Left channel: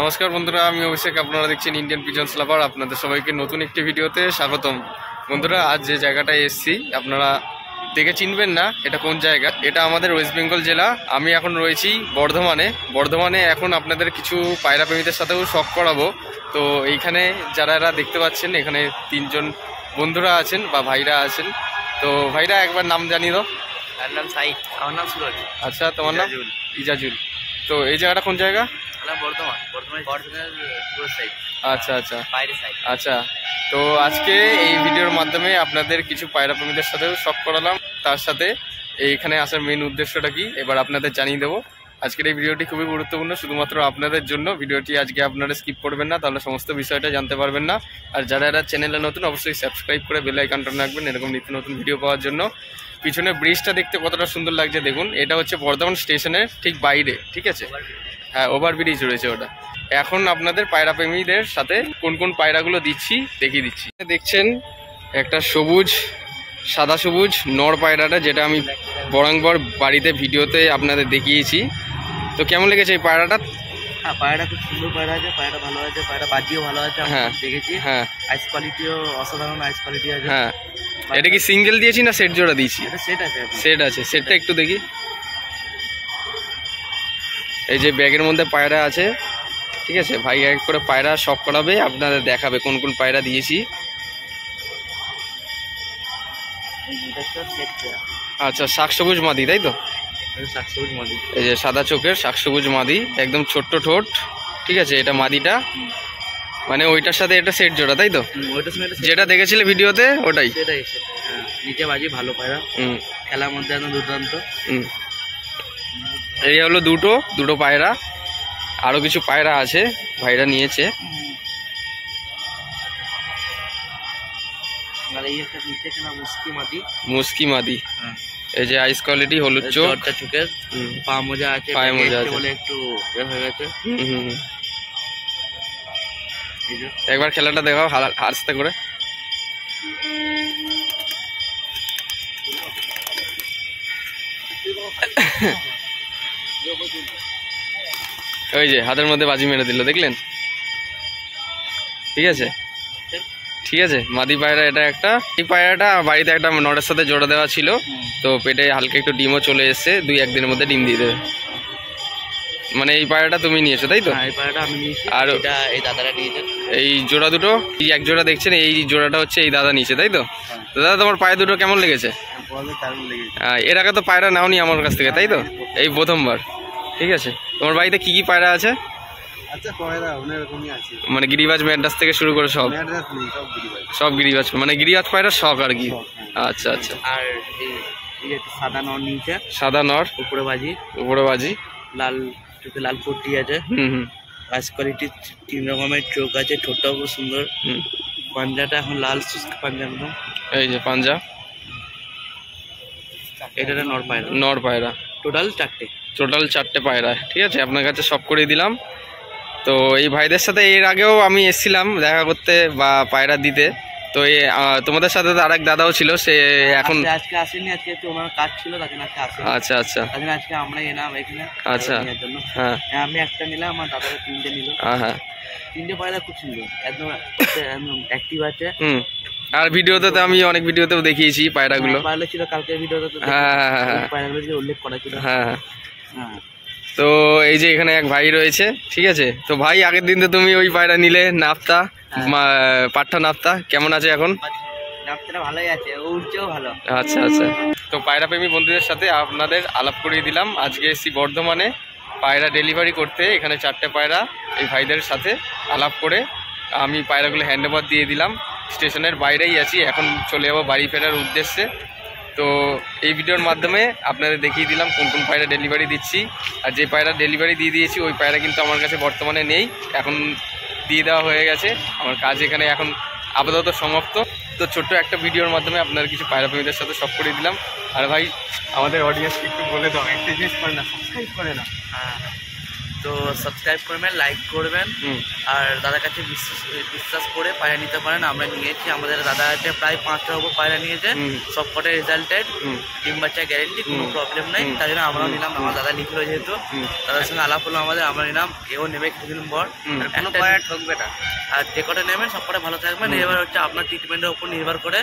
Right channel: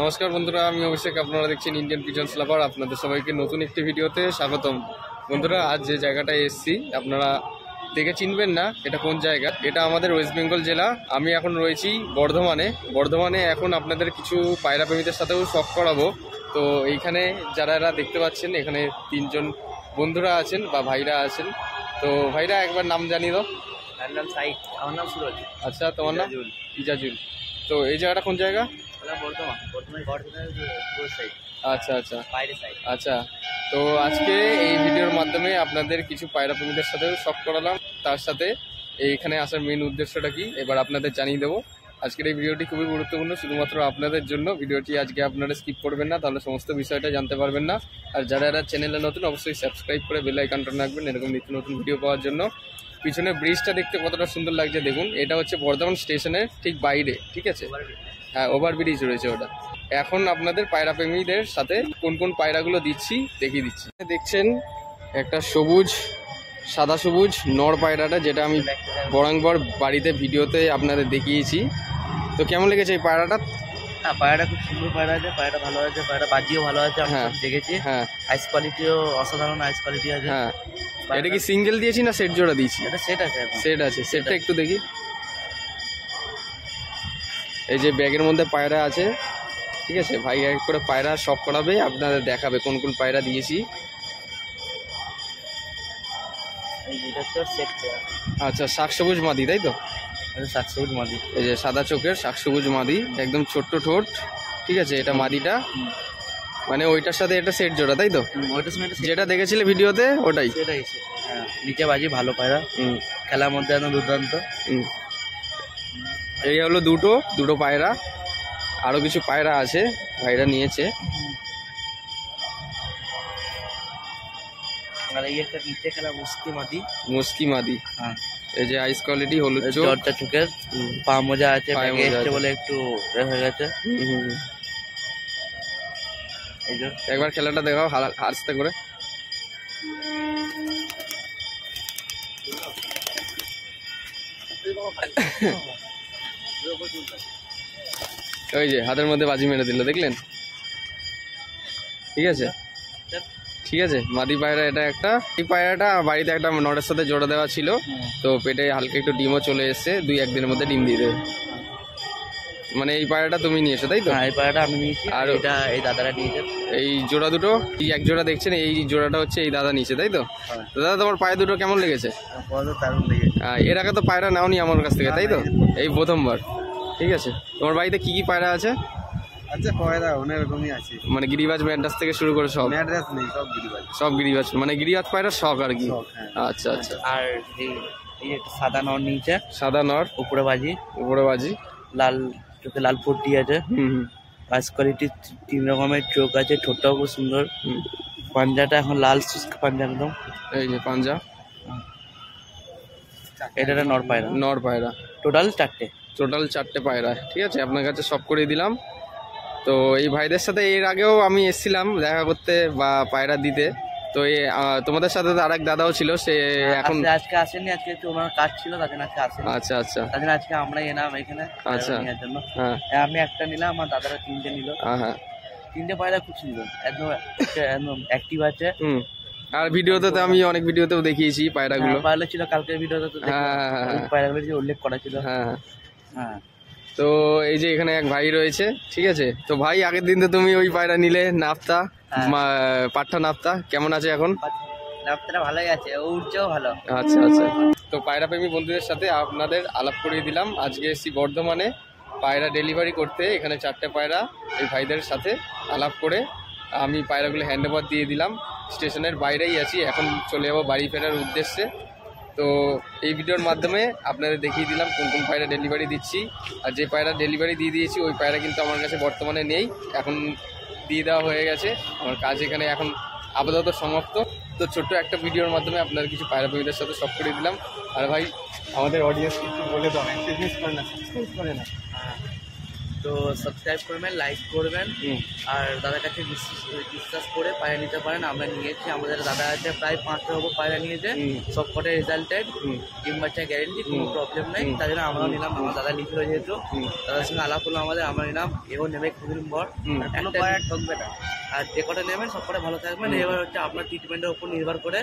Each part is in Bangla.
নমস্কার বন্ধুরা, আমি অভিষেক। আপনারা দেখছেন ইন্ডিয়ান পিজন্স লাভার। আপনাদের সবাইকে নতুন একটি ভিডিওতে স্বাগতম। বন্ধুরা, আজ যে জায়গাটায় এসেছি আপনারা দেখে চিনবেন না এটা কোন জায়গা। এটা আমাদের ওয়েস্ট বেঙ্গল জেলা। আমি এখন রয়েছি বর্ধমানে। এখন আপনাদের কিছু পায়রা প্রেমীদের সাথেও শখ করাবো। তো এইখানে যারা দেখতে পাচ্ছেন, এখানে তিনজন বন্ধুরা আছেন বা ভাইরা আছেন। তো ভাইরা একবার নাম জানিয়ে দাও। আমার নাম সাইদ। আমার নাম সুরজ। আচ্ছা, তোমার নাম? ইজাজুল। তো এই জায়গাটা কোন জায়গা? বর্ধমানের সাইড। আচ্ছা আচ্ছা, বাইরে সাইড। আচ্ছা। তো আজকে এই ভিডিওর মাধ্যমে আপনাদের কিছু পায়রা প্রেমীদের সাথেও শখ করালাম। তার সাথে এইখানে আসার মেন উদ্দেশ্যটা কি এবার আপনাদের জানিয়ে দেবো। আজকের এই ভিডিওটি খুবই গুরুত্বপূর্ণ, শুধুমাত্র আপনাদের জন্য। ভিডিওটি আজকে আপনারা স্কিপ করবেন না, তাহলে সমস্ত বিষয়টা জানতে পারবেন না। আর যারা চ্যানেলে নতুন, অবশ্যই সাবস্ক্রাইব করে বেল আইকনটা রাখবেন এরকম নিত্য নতুন ভিডিও পাওয়ার জন্য। পিছনে ব্রিজটা দেখতে কতটা সুন্দর লাগছে দেখুন। এটা হচ্ছে বর্ধমান স্টেশনের ঠিক বাইরে, ঠিক আছে? হ্যাঁ, ওভারব্রিজ রয়েছে ওটা। এখন আপনাদের পায়রা প্রেমীদের সাথে কোন কোন পায়রাগুলো দিচ্ছি দেখিয়ে দিচ্ছি। দেখছেন একটা সাদা সবুজ নর পায়রাটা, যেটা আমি বরাঙ্গর বাড়িতে ভিডিওতে আপনাদের দেখিয়েছি। তো কেমন লেগেছে এই পায়রাটা? হ্যাঁ, পায়রাটা খুব সুন্দর পায়রা আছে, পায়রাটা ভালো আছে, পায়রা বাজিও ভালো আছে। হ্যাঁ দেখেছি। হ্যাঁ, আইস কোয়ালিটিও অসাধারণ আইস কোয়ালিটি আছে। হ্যাঁ। এটা কি সিঙ্গেল দিয়েছি না সেট জোড়া দিয়েছি? এটা সেট আছে। সেটটা একটু দেখি। এই যে ব্যাগের মধ্যে পায়রা আছে, ঠিক আছে? ভাই এক করে পায়রা শখ করাবে, আপনাদের দেখাবে কোন কোন পায়রা দিয়েছি। আচ্ছা, শাক সবুজ মাদি, তাই তো? এই যে সাদা চোখের শাক সবুজ মাদি, একদম ছোট্ট ঠোঁট, ঠিক আছে? এটা মাদিটা, মানে ওইটার সাথে এটা সেট জোড়া, তাই তো? যেটা দেখেছিলে ভিডিওতে ওটাই। নিচে বাজি ভালো পায়রা, খেলার মধ্যে একদম দুর্দান্ত। এই হলো দুটো পায়রা। আরো কিছু পায়রা আছে ভাইরা নিয়েছে। মুস্কি মাদি, এই যে আইস কোয়ালিটি, হলুদ চোখ, চোখের পা মোজা আছে, পায়ে মোজা আছে বলে একটু হয়ে গেছে। একবার খেলাটা দেখাও আস্তে করে। ওই যে হাতের মধ্যে বাজি মেরে দিল, দেখলেন? ঠিক আছে, ঠিক আছে। মাদি পায়রা এটা একটা। এই পায়রাটা বাড়িতে একটা নরের সাথে জোড়া দেওয়া ছিল, তো পেটে হালকা একটু ডিমও চলে এসছে। 2-1 দিনের মধ্যে ডিম দিয়ে দেবে। মানে এই পায়রাটা তুমি নিয়েছো, তাই তো? এই পায়রাটা আমি নিয়েছি, আর এই দাদারা নিয়েছে। এই জোড়া দুটো, এই এক জোড়া দেখছেন, এই জোড়াটা হচ্ছে এই দাদা নিয়েছে, তাই তো? দাদা, তোমার পায়ে দুটো কেমন লেগেছে? এর আগে তো পায়রা নাওনি আমার কাছ থেকে, তাই তো? এই প্রথমবার। ঠিক আছে। তোমার বাড়িতে কি কি পায়রা আছে? মানে গিরিবাজ, ম্যাড্রাস থেকে শুরু করে সব গিরিবাজ, মানে গিরিবাজ পায়রা শখ আর কি। আচ্ছা আচ্ছা। আর এই সাদা নর নিচে, সাদা নর, উপরে বাজি, লাল চোখে লাল পট্টি আছে। আইস কোয়ালিটি, 3 রকমের চোখ আছে, ঠোঁটটাও খুব সুন্দর। পাঞ্জাটা এখন লাল পাঞ্জা একদম। এই যে পাঞ্জা। এটা নর পায়রা। টোটাল 4টে পায়রা, ঠিক আছে? আপনার কাছে সব করে দিলাম। তো এই ভাইদের সাথে এর আগেও আমি এসেছিলাম দেখা করতে বা পায়রা দিতে। তো তোমাদের সাথে তো আরেক দাদাও ছিল, সে এখন আজকে আসেনি, আজকে একটু ওনার কাজ ছিল, তার জন্য আজকে আসেনি। আচ্ছা আচ্ছা, তার জন্য আজকে আমরা এলাম এখানে। আচ্ছা, হ্যাঁ। আমি একটা নিলাম, আমার দাদারা 3টে নিল। হ্যাঁ, 3টে পায়রা খুব সুন্দর, একদম অ্যাক্টিভ আছে। আর ভিডিওতে তো আমি অনেক ভিডিওতেও দেখিয়েছি পায়রাগুলো। পায়রা ছিল কালকের ভিডিওতে, তো হ্যাঁ, পায়রাগুলো উল্লেখ করা ছিল। হ্যাঁ হ্যাঁ। তো এই যে এখানে এক ভাই রয়েছে, ঠিক আছে? তো ভাই, আগের দিন তো তুমি ওই পায়রা নিলে, নাপ্তা, পাঠা নাপ্তা, কেমন আছে এখন? নাপ্তাটা ভালোই আছে, উড়ছেও ভালো। আচ্ছা আচ্ছা। তো পায়রা প্রেমী বন্ধুদের সাথে আপনাদের আলাপ করিয়ে দিলাম। আজকে এসেছি বর্ধমানে পায়রা ডেলিভারি করতে। এখানে 4টে পায়রা এই ভাইদের সাথে আলাপ করে আমি পায়রাগুলো হ্যান্ডওভার দিয়ে দিলাম। স্টেশনের বাইরেই আছি, এখন চলে যাবো বাড়ি ফেরার উদ্দেশ্যে। তো এই ভিডিওর মাধ্যমে আপনাদের দেখিয়ে দিলাম কোন কোন পায়রা ডেলিভারি দিচ্ছি। আর যে পায়রা ডেলিভারি দিয়ে দিয়েছি ওই পায়রা কিন্তু আমার কাছে বর্তমানে নেই, এখন দিয়ে দেওয়া হয়ে গেছে। আমার কাজ এখানে এখন আপাতত সমাপ্ত। তো ছোট্ট একটা ভিডিওর মাধ্যমে আপনার কিছু পায়রা প্রেমীদের সাথে সব করে দিলাম। আর ভাই, আমাদের অডিয়েন্সকে একটু বলে দাও, একটা জিনিস করে না, সাবস্ক্রাইব করে না। তো সাবস্ক্রাইব করবেন, লাইক করবেন, আর দাদার কাছে বিশ্বাস করে পায়রা নিতে পারেন। আমরা নিয়েছি, আমাদের দাদা আছে প্রায় 5টার উপর পায়রা নিয়েছে, সব কটাই রেজাল্টেড, ডিম বাচ্চা গ্যারেন্টি, কোনো প্রবলেম নাই। তাই জন্য আমরাও নিলাম, আমার দাদা লিখলো যেহেতু, দাদার সঙ্গে আলাপ হলো আমাদের, আমরা নিলাম। এও নেবে কিছুদিন পর, ঠকবে না। আর যে কটা নেবেন সব কটা ভালো থাকবেন। এবার হচ্ছে আপনার ট্রিটমেন্টের উপর নির্ভর করে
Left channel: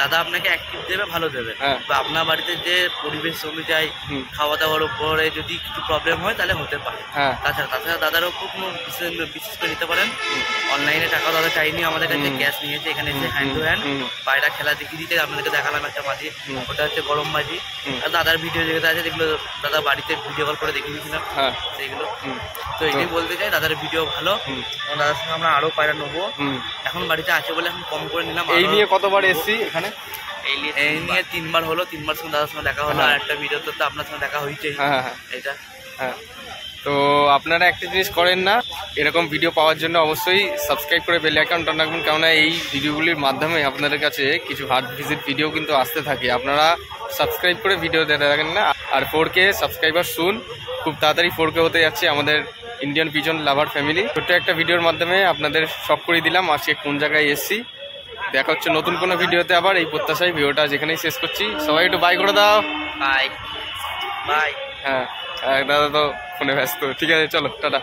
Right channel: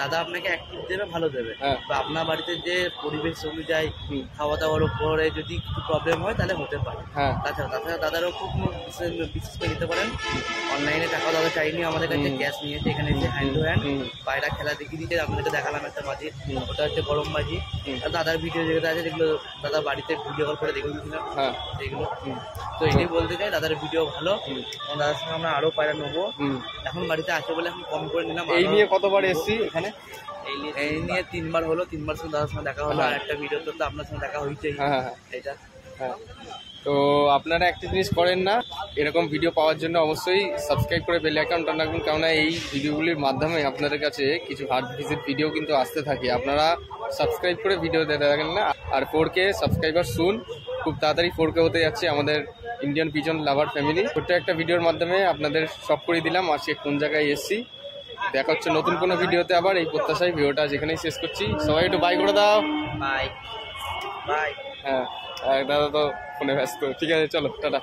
দাদা আপনাকে অ্যাক্টিভ দেবে, ভালো দেবে। বা আপনার বাড়িতে যে পরিবেশ অনুযায়ী খাওয়া দাওয়ার উপরে যদি কিছু প্রবলেম হয় তাহলে হতে পারে। তাছাড়া দাদার উপর কোনো বিশেষ করে নিতে পারেন। অনলাইনে টাকাও দাদা চাইনি, আমাদের কাছে ক্যাশ নিয়েছে। এখানে এসে হ্যান্ড টু হ্যান্ড পায়রা খেলা দেখিয়ে দিতে আপনাদেরকে দেখালাম একটা বাজি, ওটা হচ্ছে গরম বাজি। আর দাদার ভিডিও যেগুলো আছে যেগুলো দাদা বাড়িতে ভিডিও কল করে দেখিয়ে দিয়েছিলাম সেগুলো। তো এটাই বলতে চাই, দাদার ভিডিও ভালো। দাদার সঙ্গে আমরা আরো পায়রা নেবো, এখন বাড়িতে আছে বলে এখন কম করে নিলাম। এই নিয়ে কতবার এসছি এখানে? এই নিয়ে 3বার হলো, 3বার সঙ্গে দাদার সঙ্গে দেখা হলো। আর একটা ভিডিও তো আপনার সঙ্গে দেখা হয়েছেই। এটা তো আপনারা একটা জিনিস করেন না, এরকম ভিডিও পাওয়ার জন্য অবশ্যই সাবস্ক্রাইব করে বেল আইকনটা অন রাখবেন, কেননা এই ভিডিওগুলির মাধ্যমে আপনাদের কাছে কিছু হার্ট ভিজিট ভিডিও কিন্তু আসতে থাকে। আপনারা সাবস্ক্রাইব করে ভিডিও দেখতে থাকেন না। আর 4K সাবস্ক্রাইবার শুন, খুব তাড়াতাড়ি 4K হতে যাচ্ছে আমাদের ইন্ডিয়ান পিজন লাভার ফ্যামিলি। ছোট্ট একটা ভিডিওর মাধ্যমে আপনাদের শখ করে দিলাম আজকে কোন জায়গায় এসছি। দেখা হচ্ছে নতুন কোনো ভিডিওতে আবার, এই প্রত্যাশায় ভিডিওটা যেখানেই শেষ করছি। সবাই একটু বাই করে দাও। Bye bye. হ্যাঁ, দাদা তো ফোনে ব্যস্ত। ঠিক আছে, চলো টাটা।